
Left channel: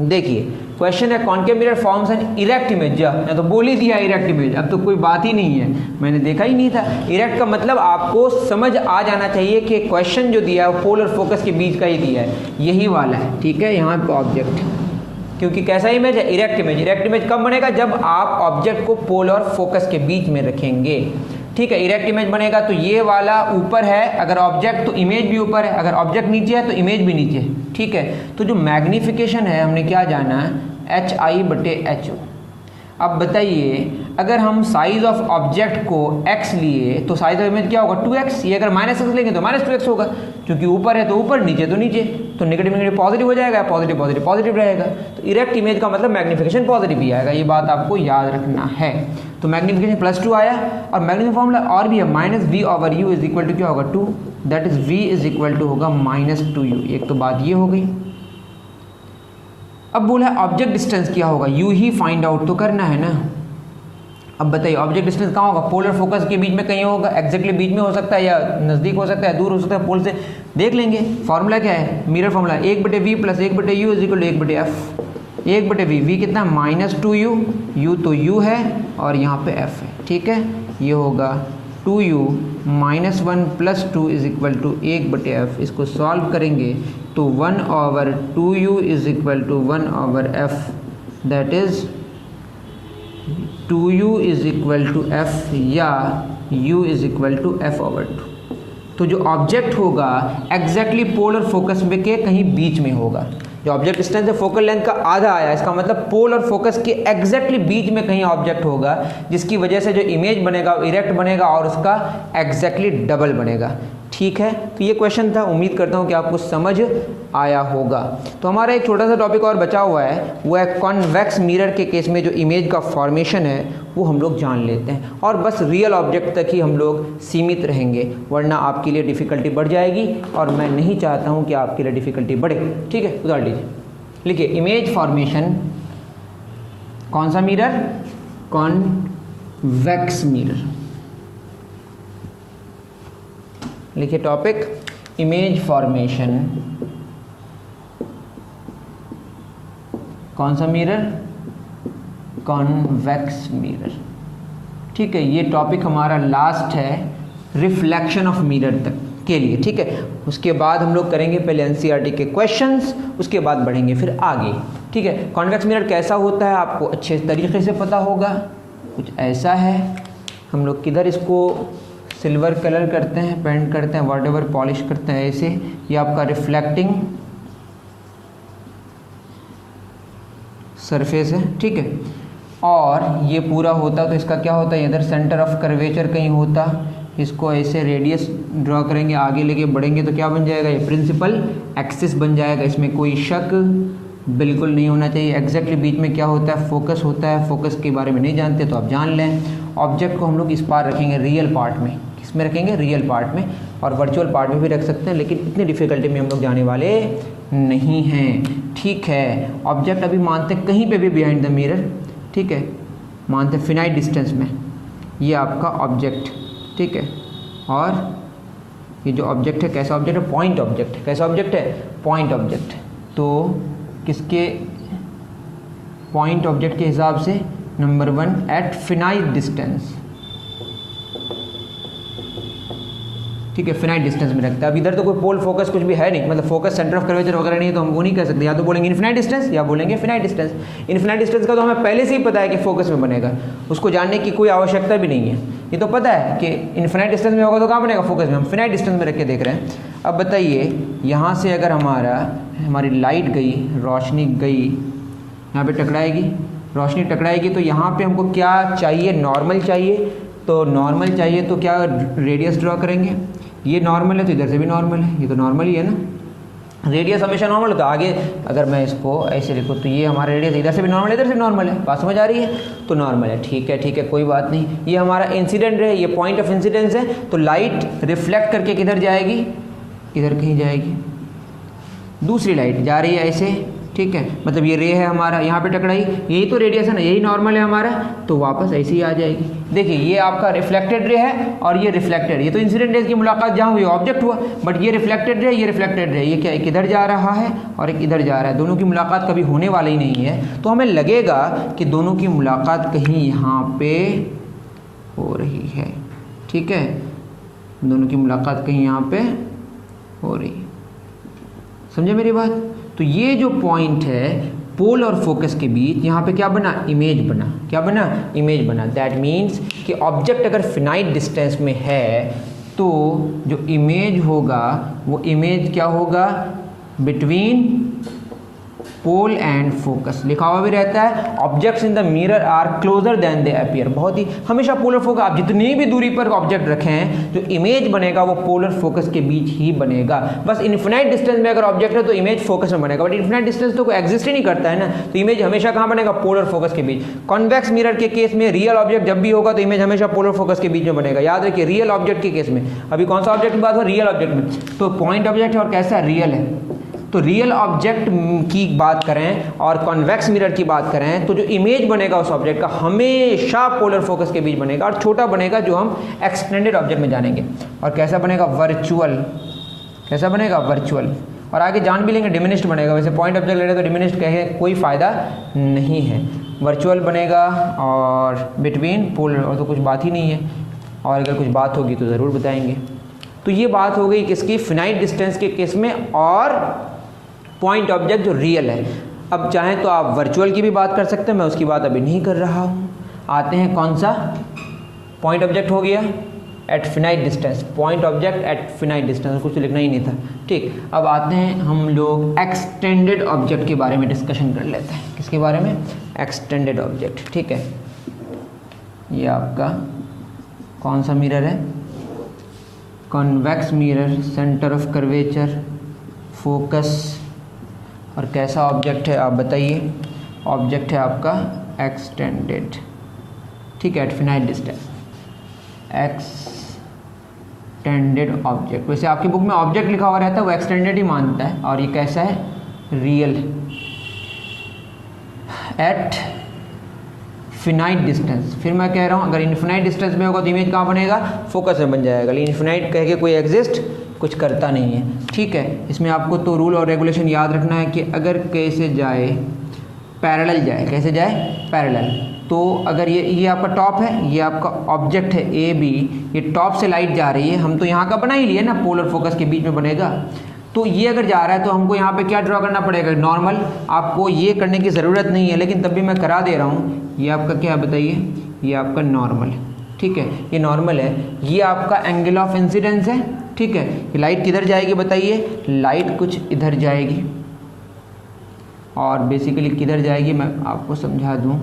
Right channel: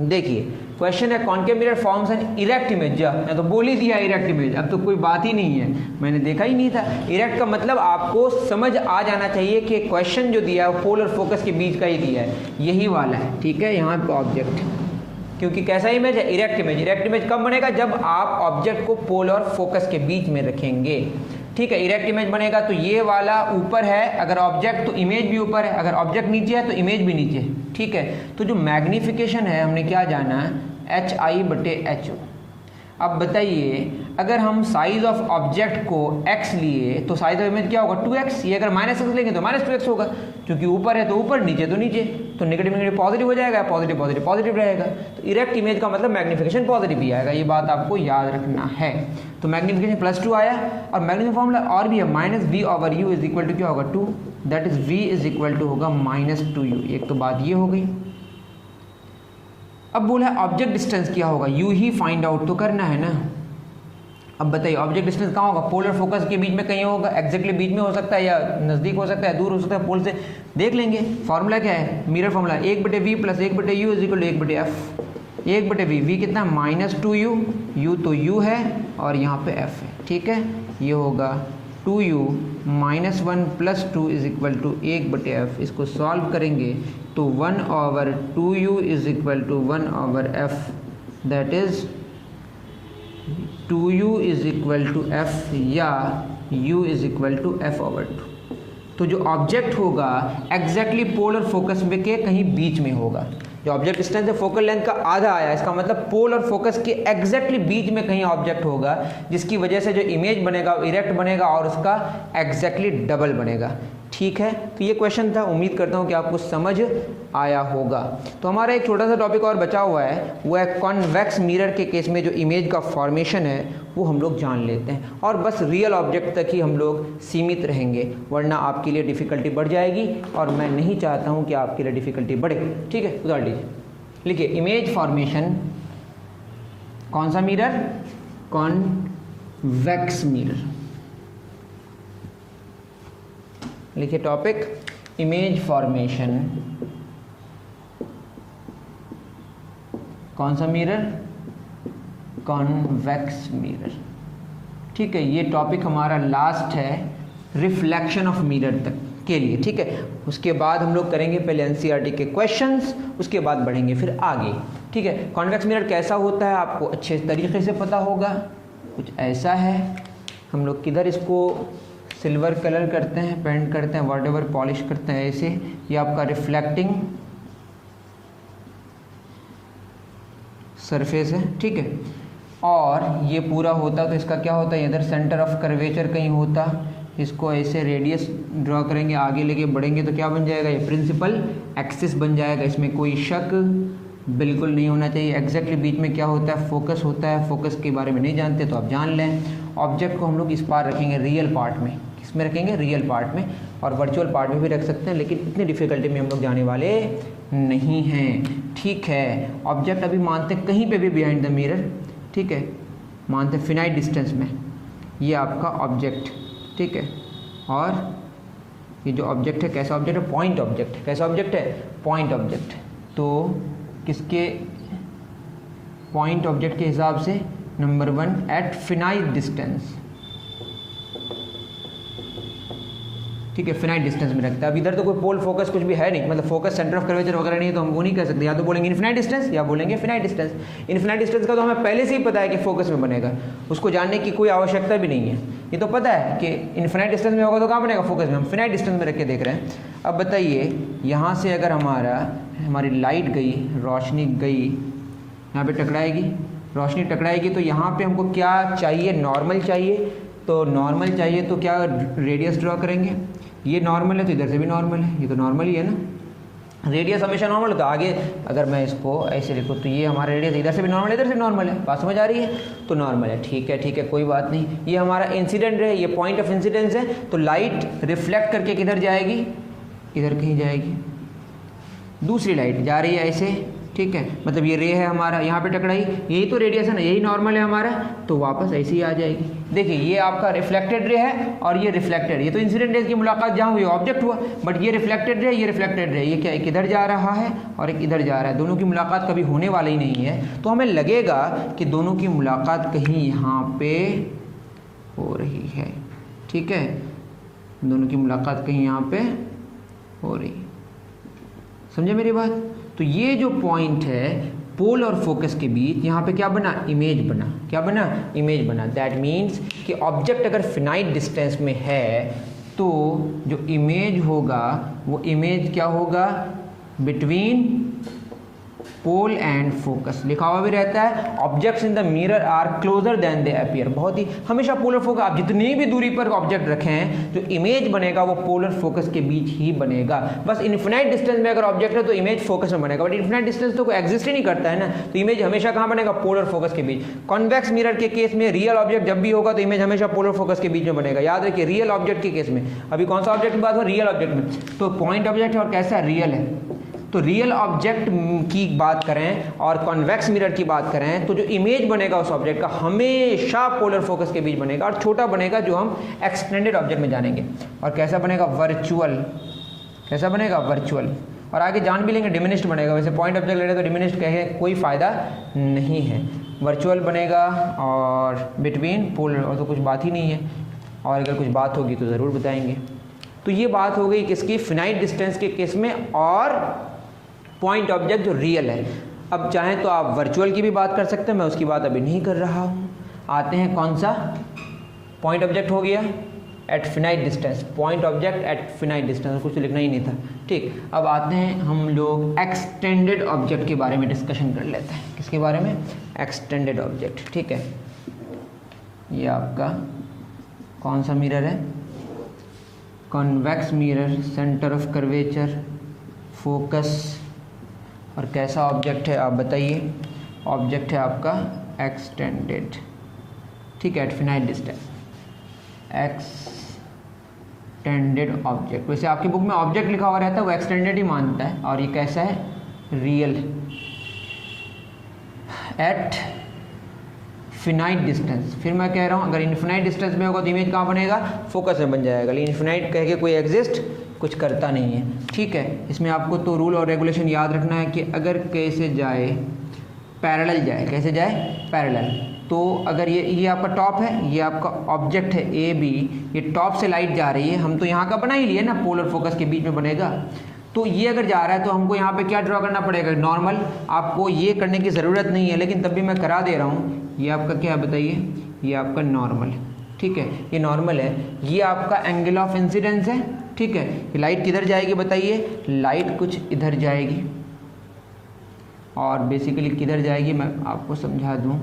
देखिए क्वेश्चन है concave mirror forms an erect image, मैं तो बोल ही दिया इरेक्ट इमेज, अब तो कोई बात ही नहीं है, मैंने देखा ही नहीं था। इरेक्ट का मतलब आपको समझ आ जाना चाहिए कि क्वेश्चन जो दिया है पोल और फोकस के बीच का ही दिया है, यही वाला है, ठीक है। यहाँ पर ऑब्जेक्ट, क्योंकि कैसा इमेज है, इरेक्ट इमेज। इरेक्ट इमेज कब बनेगा, जब आप ऑब्जेक्ट को पोल और फोकस के बीच में रखेंगे, ठीक है। इरेक्ट इमेज बनेगा तो ये वाला ऊपर है अगर ऑब्जेक्ट, तो इमेज भी ऊपर है, अगर ऑब्जेक्ट नीचे है तो इमेज भी नीचे है, ठीक है। तो जो मैग्नीफिकेशन है हमने क्या जाना है, एच आई बटे एच ओ। अब बताइए अगर हम साइज ऑफ ऑब्जेक्ट को x लिए तो साइज ऑफ इमेज क्या होगा, 2x। ये अगर -x लेंगे तो -2x होगा, क्योंकि ऊपर है तो ऊपर, नीचे तो नीचे, तो नेगेटिव नेगेटिव पॉजिटिव हो जाएगा, पॉजिटिव पॉजिटिव पॉजिटिव रहेगा। तो इरेक्ट इमेज का मतलब मैग्नीफिकेशन पॉजिटिव ही आएगा, ये बात आपको याद रखना है। तो मैग्नीफिकेशन +2 आया, और मैग्नीफिकेशन फॉर्मूला और भी है, -v/u इज इक्वल टू क्या होगा 2, that is v is equal to होगा -2u। एक तो बात ये हो गई। अब बोला ऑब्जेक्ट डिस्टेंस क्या होगा, u ही फाइंड आउट तो करना है ना। अब बताइए ऑब्जेक्ट डिस्टेंस कहाँ होगा, पोलर फोकस के बीच में कहीं होगा, एग्जैक्टली बीच में हो सकता है, या नज़दीक हो सकता है, दूर हो सकता है, पोल से देख लेंगे। फॉर्मूला क्या है, mirror formula 1/v + 1/u is equal to 1/f। 1/v, v कितना -2u, u तो u है और यहाँ पे f है, ठीक है। ये होगा 2u -1 + 2 is equal to 1/f। इसको सॉल्व करेंगे तो 1/2u is equal to 1/f, that is 2u is equal to f, या u is equal to f/2। तो जो ऑब्जेक्ट होगा एग्जैक्टली पोलर फोकस में के कहीं बीच में होगा। जो ऑब्जेक्ट डिस्टेंस है फोकल लेंथ का आधा आया, इसका मतलब पोल और फोकस के एग्जैक्टली बीच में कहीं ऑब्जेक्ट होगा, जिसकी वजह से जो इमेज बनेगा वो इरेक्ट बनेगा और उसका एग्जैक्टली डबल बनेगा, ठीक है। तो ये क्वेश्चन था, उम्मीद करता हूँ कि आपको समझ आया होगा। तो हमारा एक छोटा सा टॉपिक और बचा हुआ है, वो है कॉन्वेक्स मिरर के केस में जो इमेज का फॉर्मेशन है वो हम लोग जान लेते हैं, और बस रियल ऑब्जेक्ट तक ही हम लोग सीमित रहेंगे, वरना आपके लिए डिफ़िकल्टी बढ़ जाएगी, और मैं नहीं चाहता हूँ कि आपके लिए डिफ़िकल्टी बढ़े, ठीक है। उदाहरण लीजिए, लिखिए इमेज फॉर्मेशन, कौन सा मिरर, कॉन्वेक्स मिरर। लिखिए टॉपिक इमेज फॉर्मेशन, कौन सा मिरर, कॉन्वेक्स मिरर, ठीक है। ये टॉपिक हमारा लास्ट है रिफ्लेक्शन ऑफ मिरर तक के लिए, ठीक है। उसके बाद हम लोग करेंगे पहले एनसीईआरटी के क्वेश्चंस, उसके बाद बढ़ेंगे फिर आगे, ठीक है। कॉन्वेक्स मिरर कैसा होता है आपको अच्छे तरीके से पता होगा, कुछ ऐसा है। हम लोग किधर इसको सिल्वर कलर करते हैं, पेंट करते हैं, वॉटएवर पॉलिश करते हैं, ऐसे ये आपका रिफ्लेक्टिंग सरफेस है, ठीक है। और ये पूरा होता तो इसका क्या होता है, इधर सेंटर ऑफ कर्वेचर कहीं होता, इसको ऐसे रेडियस ड्रॉ करेंगे, आगे लेके बढ़ेंगे तो क्या बन जाएगा, ये प्रिंसिपल एक्सिस बन जाएगा। इसमें कोई शक बिल्कुल नहीं होना चाहिए। एग्जैक्टली बीच में क्या होता है, फोकस होता है। फोकस के बारे में नहीं जानते तो आप जान लें। ऑब्जेक्ट को हम लोग इस पार रखेंगे रियल पार्ट में, किसमें रखेंगे, रियल पार्ट में, और वर्चुअल पार्ट में भी रख सकते हैं, लेकिन इतनी डिफिकल्टी में हम लोग जाने वाले नहीं हैं, ठीक है। ऑब्जेक्ट अभी मानते कहीं पे भी बिहाइंड द मिरर, ठीक है, मानते फिनाइट डिस्टेंस में, ये आपका ऑब्जेक्ट, ठीक है। और ये जो ऑब्जेक्ट है कैसा ऑब्जेक्ट है, पॉइंट ऑब्जेक्ट है। कैसा ऑब्जेक्ट है, पॉइंट ऑब्जेक्ट। तो किसके, पॉइंट ऑब्जेक्ट के हिसाब से नंबर 1 एट फिनाइट डिस्टेंस, ठीक है, फिनाइट डिस्टेंस में रखता है। अब इधर तो कोई पोल फोकस कुछ भी है नहीं, मतलब फोकस सेंटर ऑफ कर्वेचर वगैरह नहीं है, तो हम वो नहीं कह सकते, या तो बोलेंगे इनफिनाइट डिस्टेंस या बोलेंगे फिनाइट डिस्टेंस। इनफिनाइट डिस्टेंस का तो हमें पहले से ही पता है कि फोकस में बनेगा, उसको जानने की कोई आवश्यकता भी नहीं है। ये तो पता है कि इनफिनाइट डिस्टेंस में होगा तो कहाँ बनेगा, फोकस में। हम फिनाइट डिस्टेंस में रख के देख रहे हैं। अब बताइए यहाँ से अगर हमारी लाइट गई, रोशनी गई, यहाँ पे टकराएगी, रोशनी टकराएगी, तो यहाँ पे हमको क्या चाहिए, नॉर्मल चाहिए। तो नॉर्मल चाहिए तो क्या रेडियस ड्रॉ करेंगे, ये नॉर्मल है तो इधर से भी नॉर्मल है, ये तो नॉर्मल ही है ना। रेडियस हमेशा नॉर्मल होता है। आगे अगर मैं इसको ऐसे लिखूँ तो ये हमारा रेडियस इधर से भी नॉर्मल है, इधर से भी नॉर्मल है, बात समझ आ रही है, तो नॉर्मल है, ठीक है, ठीक है, कोई बात नहीं। ये हमारा इंसिडेंट है, ये पॉइंट ऑफ इंसिडेंस है, तो लाइट रिफ्लेक्ट करके किधर जाएगी, इधर कहीं जाएगी। दूसरी लाइट जा रही है ऐसे, ठीक है, मतलब ये रे है हमारा, यहाँ पे टकराई, यही तो रेडियस है ना, यही नॉर्मल है हमारा, तो वापस ऐसे ही आ जाएगी। देखिए ये आपका रिफ्लेक्टेड रे है और ये रिफ्लेक्टेड, ये तो इंसिडेंट रेज की मुलाकात जहाँ हुई ऑब्जेक्ट हुआ, बट ये रिफ्लेक्टेड रे, ये रिफ्लेक्टेड रे, ये क्या एक इधर जा रहा है और एक इधर जा रहा है, दोनों की मुलाकात कभी होने वाली नहीं है। तो हमें लगेगा कि दोनों की मुलाकात कहीं यहाँ पे हो रही है, ठीक है, दोनों की मुलाकात कहीं यहाँ पे हो रही है, समझे मेरी बात। तो ये जो पॉइंट है पोल और फोकस के बीच, यहाँ पे क्या बना, इमेज बना, क्या बना, इमेज बना। दैट मीन्स कि ऑब्जेक्ट अगर फिनाइट डिस्टेंस में है तो जो इमेज होगा वो इमेज क्या होगा, बिटवीन पोल एंड फोकस लिखा हुआ भी रहता है। Objects in the mirror are closer than they appear, बहुत ही हमेशा पोलर फोकस, आप जितनी भी दूरी पर ऑब्जेक्ट रखे हैं जो इमेज बनेगा वो पोलर फोकस के बीच ही बनेगा। बस इन्फिनाइट डिस्टेंस में अगर ऑब्जेक्ट है तो इमेज फोकस में बनेगा, बट इन्फिनाइट डिस्टेंस तो कोई एग्जिस्ट ही नहीं करता है ना, तो इमेज हमेशा कहाँ बनेगा, पोलर फोकस के बीच। कॉन्वेक्स मिरर के केस में रियल ऑब्जेक्ट जब भी होगा तो इमेज हमेशा पोलर फोकस के बीच में बनेगा। याद रखिए रियल ऑब्जेक्ट के केस में, अभी कौन सा ऑब्जेक्ट की बात हो, रियल ऑब्जेक्ट में, तो पॉइंट ऑब्जेक्ट है और कैसा रियल है, तो रियल ऑब्जेक्ट की बात करें और कॉन्वेक्स मिरर की बात करें तो जो इमेज बनेगा उस ऑब्जेक्ट का हमेशा पोलर फोकस के बीच बनेगा और छोटा बनेगा, जो हम एक्सटेंडेड ऑब्जेक्ट में जानेंगे। और कैसा बनेगा, वर्चुअल, कैसा बनेगा, वर्चुअल। और आगे जान भी लेंगे डिमिनिश्ड बनेगा, वैसे पॉइंट ऑब्जेक्ट ले रहे तो डिमिनिश्ड कहे कोई फ़ायदा नहीं है, वर्चुअल बनेगा। और बिटवीन पोलर और तो कुछ बात ही नहीं है, और अगर कुछ बात होगी तो ज़रूर बताएंगे। तो ये बात हो गई किसकी, फिनाइट डिस्टेंस के केस में और पॉइंट ऑब्जेक्ट जो रियल है। अब चाहें तो आप वर्चुअल की भी बात कर सकते हैं, मैं उसकी बात अभी नहीं कर रहा हूँ। आते हैं कौन सा, पॉइंट ऑब्जेक्ट हो गया at finite distance, point object at finite distance, कुछ तो लिखना ही नहीं था, ठीक। अब आते हैं हम लोग एक्सटेंडेड ऑब्जेक्ट के बारे में डिस्कशन कर लेते हैं। किसके बारे में, एक्सटेंडेड ऑब्जेक्ट, ठीक है। ये आपका कौन सा मिरर है, convex mirror, centre of curvature, focus, और कैसा ऑब्जेक्ट है आप बताइए, ऑब्जेक्ट है आपका एक्सटेंडेड, ठीक है, at finite distance, extended object. वैसे आपकी बुक में ऑब्जेक्ट लिखा हुआ रहता है वो एक्सटेंडेड ही मानता है, और ये कैसा है, रियल, एट फिनाइट डिस्टेंस। फिर मैं कह रहा हूँ अगर इनफिनाइट डिस्टेंस में होगा तो इमेज कहाँ बनेगा, फोकस में बन जाएगा, लेकिन इनफिनाइट कह के कोई एग्जिस्ट कुछ करता नहीं है, ठीक है। इसमें आपको तो रूल और रेगुलेशन याद रखना है कि अगर कैसे जाए, पैरेलल जाए, कैसे जाए, पैरेलल। तो अगर ये आपका टॉप है, ये आपका ऑब्जेक्ट है ए बी, ये टॉप से लाइट जा रही है, हम तो यहाँ का बना ही लिए ना, पोलर फोकस के बीच में बनेगा, तो ये अगर जा रहा है तो हमको यहाँ पे क्या ड्रॉ करना पड़ेगा, नॉर्मल। आपको ये करने की ज़रूरत नहीं है, लेकिन तब भी मैं करा दे रहा हूँ। ये आपका क्या है बताइए, ये आपका नॉर्मल, ठीक है, ये नॉर्मल है। ये आपका एंगल ऑफ इंसिडेंस है, ठीक है। ये लाइट किधर जाएगी बताइए, लाइट कुछ इधर जाएगी, और बेसिकली किधर जाएगी मैं आपको समझा दूँ,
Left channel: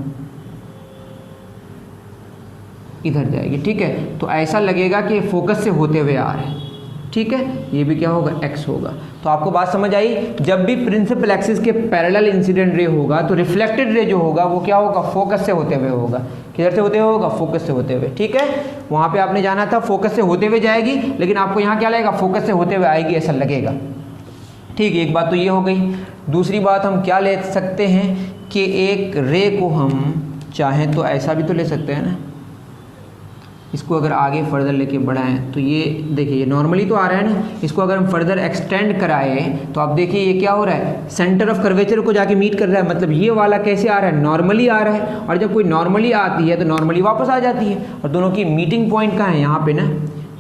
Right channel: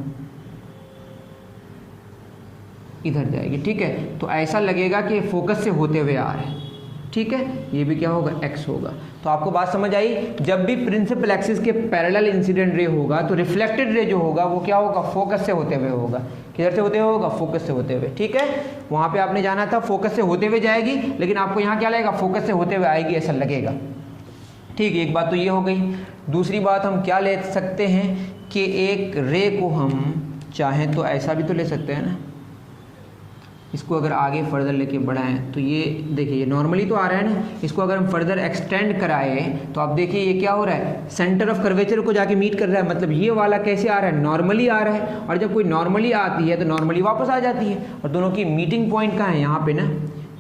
इधर जाएगी, ठीक है। तो ऐसा लगेगा कि फोकस से होते हुए आ रहे हैं, ठीक है। ये भी क्या होगा, एक्स होगा। तो आपको बात समझ आई, जब भी प्रिंसिपल एक्सिस के पैरेलल इंसिडेंट रे होगा तो रिफ्लेक्टेड रे जो होगा वो क्या होगा, फोकस से होते हुए होगा। किधर से होते हुए होगा, फोकस से होते हुए, ठीक है। वहाँ पे आपने जाना था फोकस से होते हुए जाएगी, लेकिन आपको यहाँ क्या लगेगा, फोकस से होते हुए आएगी, ऐसा लगेगा, ठीक है। एक बात तो ये हो गई। दूसरी बात हम क्या ले सकते हैं कि एक रे को हम चाहें तो ऐसा भी तो ले सकते हैं ना, इसको अगर आगे फर्दर लेके बढ़ाएं तो ये देखिए, ये नॉर्मली तो आ रहा है ना, इसको अगर हम फर्दर एक्सटेंड कराएं तो आप देखिए ये क्या हो रहा है, सेंटर ऑफ कर्वेचर को जाके मीट कर रहा है। मतलब ये वाला कैसे आ रहा है, नॉर्मली आ रहा है, और जब कोई नॉर्मली आती है तो नॉर्मली वापस आ जाती है, और दोनों की मीटिंग पॉइंट कहाँ है, यहाँ पे ना।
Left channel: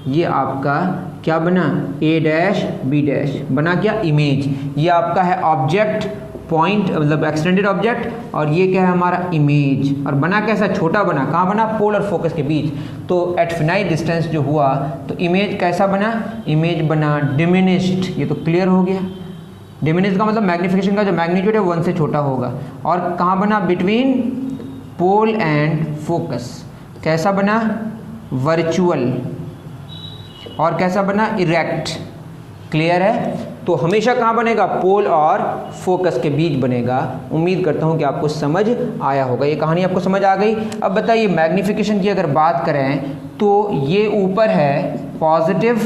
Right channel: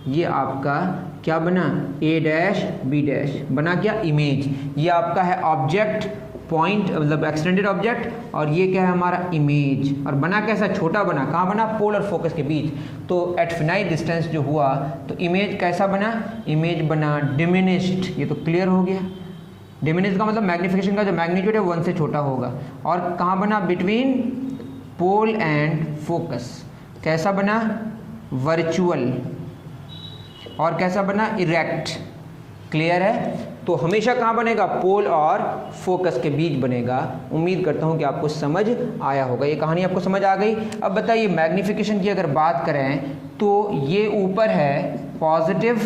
ये आपका क्या बना, ए डैश बी डैश बना, क्या, इमेज। ये आपका है ऑब्जेक्ट, पॉइंट मतलब एक्सटेंडेड ऑब्जेक्ट, और ये क्या है हमारा इमेज, और बना कैसा, छोटा बना, कहाँ बना, पोलर फोकस के बीच। तो एट फिनाइट डिस्टेंस जो हुआ तो इमेज कैसा बना, इमेज बना डिमिनिश्ड। ये तो क्लियर हो गया, डिमिनिश्ड का मतलब मैग्नीफिकेशन का जो मैग्नीट्यूड है 1 से छोटा होगा। और कहाँ बना, बिटवीन पोल एंड फोकस। कैसा बना, वर्चुअल। और कैसा बना, इरेक्ट। क्लियर है। तो हमेशा कहाँ बनेगा, पोल और फोकस के बीच बनेगा। उम्मीद करता हूँ कि आपको समझ आया होगा, ये कहानी आपको समझ आ गई। अब बताइए मैग्नीफिकेशन की अगर बात करें तो ये ऊपर है पॉजिटिव,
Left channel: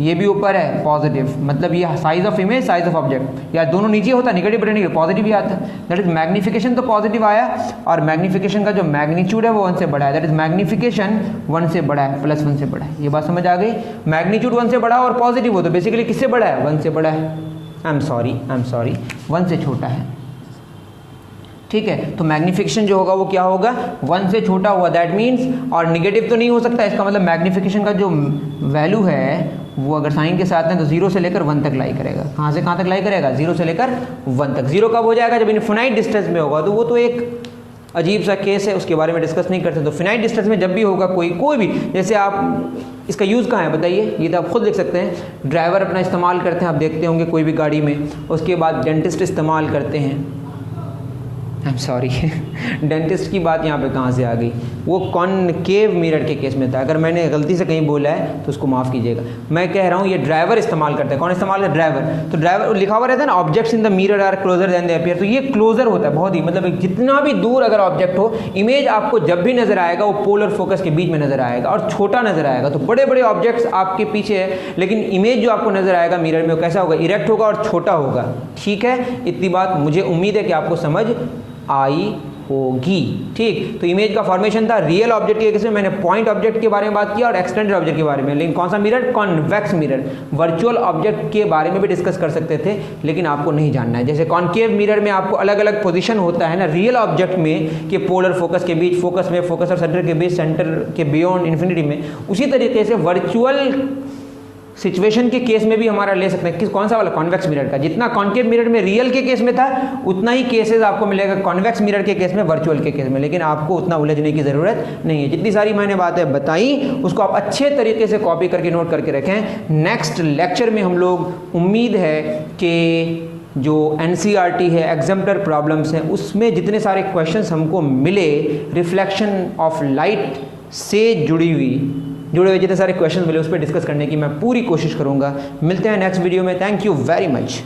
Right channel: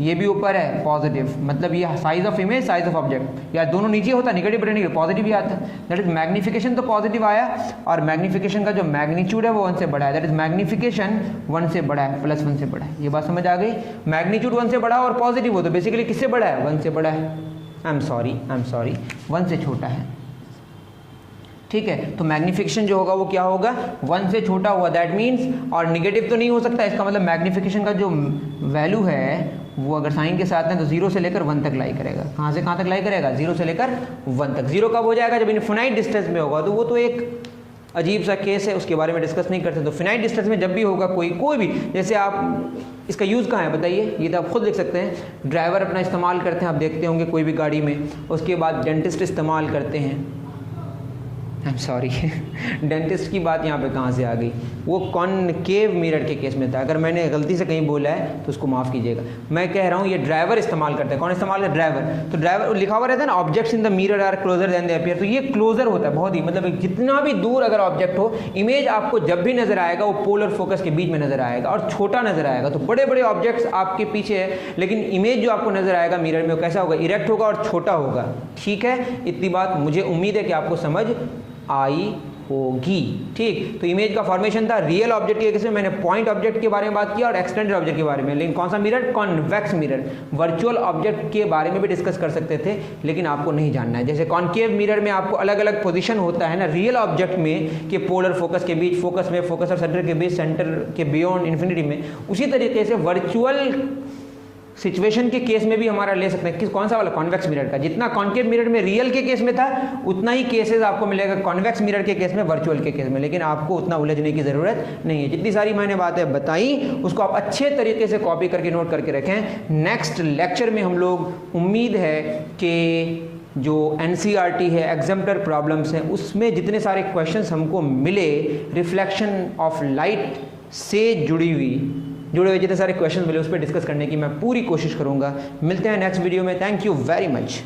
ये भी ऊपर है पॉजिटिव, मतलब ये size of image, size of object, या दोनों नीचे होता है, नेगेटिव बटन नहीं, पॉजिटिव ही आता है। दैट इज मैग्नीफिकेशन तो पॉजिटिव आया, और मैग्नीफिकेशन का जो मैग्नीट्यूड है वो 1 से बड़ा है। दैट इज मैग्नीफिकेशन 1 से बड़ा है, +1 से बड़ा है। ये बात समझ आ गई। मैग्नीट्यूड 1 से बड़ा और पॉजिटिव हो तो बेसिकली किससे बड़ा है, 1 से बड़ा है। आई एम सॉरी 1 से छोटा है, ठीक है। तो मैग्नीफिकेशन जो होगा वो क्या होगा, 1 से छोटा हुआ, दैट मीन्स, और निगेटिव तो नहीं हो सकता, इसका मतलब मैग्नीफिकेशन का जो वैल्यू है वो अगर साइन के साथ है तो 0 से लेकर 1 तक लाई करेगा। कहाँ से कहाँ तक लाई करेगा, 0 से लेकर 1 तक। 0 कब हो जाएगा, जब इनफिनाइट डिस्टेंस में होगा, तो वो तो एक अजीब सा केस है, उसके बारे में डिस्कस नहीं करते। तो फिनाइट डिस्टेंस में जब भी होगा कोई भी, जैसे आप इसका यूज़ कहाँ है बताइए, ये तो आप खुद देख सकते हैं। ड्राइवर अपना इस्तेमाल करते हैं, आप देखते होंगे कोई भी गाड़ी में, उसके बाद डेंटिस्ट इस्तेमाल करते हैं, आई एम सॉरी डेंटिस्ट की बात यहाँ पे कहाँ से आ गई, वो कॉनकेव मिरर के केस में था। अगर मैंने गलती से कहीं बोला है तो उसको माफ़ कीजिएगा। मैं कह रहा हूँ ये ड्राइवर इस्तेमाल करते हैं। कौन इस्तेमाल करता है? ड्राइवर। तो ड्राइवर लिखा हुआ रहता है ना, objects in the mirror are closer than they appear, तो ये क्लोजर होता है बहुत ही, मतलब जितना भी दूर अगर ऑब्जेक्ट हो, इमेज आपको जब भी नजर आएगा वो पोल और फोकस के बीच में नजर आएगा और छोटा नजर आएगा। तो बड़े बड़े ऑब्जेक्ट्स आपके पीछे है, लेकिन इमेज जो आपको नजर आएगा मिरर में वो कैसा होगा? इरेक्ट होगा और छोटा होगा। ठीक है, इतनी बात मुझे उम्मीद है कि आपको समझ आई होगी। ठीक, तो इमेज का फॉर्मेशन था रियल ऑब्जेक्ट के केस में, मैंने पॉइंट ऑब्जेक्ट के बारे में बात किया और एक्सटेंडेड ऑब्जेक्ट के बारे में। लेकिन कौन सा mirror? Convex mirror. Virtual object के बारे में भी डिस्कस कर सकते थे, लेकिन आपको नहीं जानना है। जैसे कॉन्केव मिरर में आपको अलग अलग पोजीशन होता है ना रियल ऑब्जेक्ट में, कि पोलर फोकस के बीच, फोकस में, फोकस और सेंटर के बीच, सेंटर के बियॉन्ड, इन्फिनिटी में। उसी तरीके से वर्चुअल सिचुएशन के केस में भी हमारा ले सकते हैं। किस कौन सा वाला? कॉन्वेक्स मिरर का। जितना कॉन्केव मिरर में रियल के केस में था, उतना ही केसेस आपको मिलेगा कॉन्वेक्स मिरर के केस में, वर्चुअल के केस में। लेकिन आपको उतना उलझने की ज़रूरत नहीं है। जितनी सारी मैंने बातें बताई उसको आप अच्छे तरीके से कॉपी करके नोट करके रखें। नेक्स्ट लेक्चर में हम लोग, उम्मीद है कि जो NCERT है, एग्जाम्पलर प्रॉब्लम्स हैं, उसमें जितने सारे क्वेश्चंस हमको मिले रिफ्लेक्शन ऑफ लाइट से जुड़े हुए जितने सारे क्वेश्चन मिले उस पर डिस्कस करने की मैं पूरी कोशिश करूंगा। मिलते हैं नेक्स्ट वीडियो में। Thank you very much.